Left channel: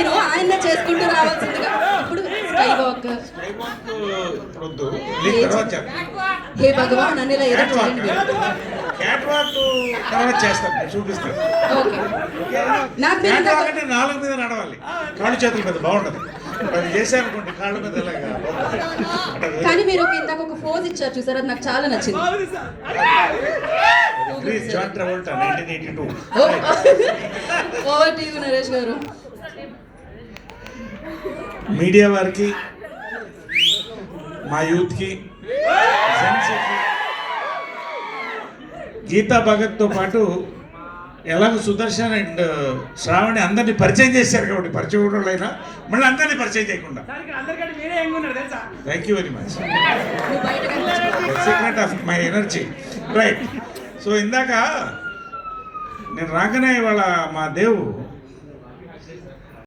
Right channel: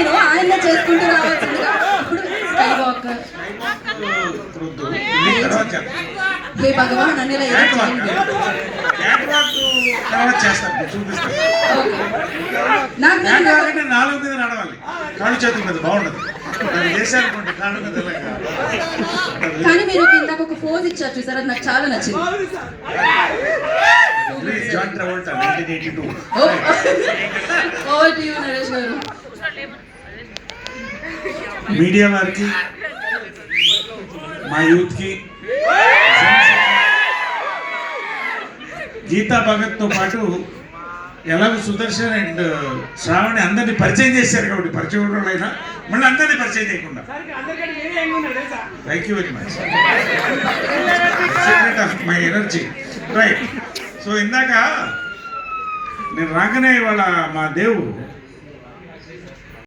నేను ఆయన్నే చేసుకుంటూ రావాల్సిందిగా. ఇప్పుడు స్కై వాక్. హే భగవాన్ అని ఇలా ఏదో చేయండి. చూపిస్తాను. నాకు 4 మీద నడవాలి, కాళ్ళు చేతుల మీద బాగుండదు. అది చేశానుకోండి కాళ్ళ మీద. కానీ మీరు ఇందాక ఒక పోజ్ ఇచ్చారు చూసారు, అది నాకు చాలా నచ్చింది. John Travolta 1982. Over to you Naresh garu. Media వారికి, మా యూత్ కి, గీతా భగత్ తో పాటు ఎలాగో సుదర్శన్ అండ్ శ్రావణి అందరినీ పరిచయం చేశారు కాబట్టి, పరిచయం కూడా అయినా మళ్ళీ అందరినీ పరిచయం చేయకుండా. Thank you very much. Secret of my energy. Right. So ఇందాక నేను రాగానే వాళ్ళ మా దేవు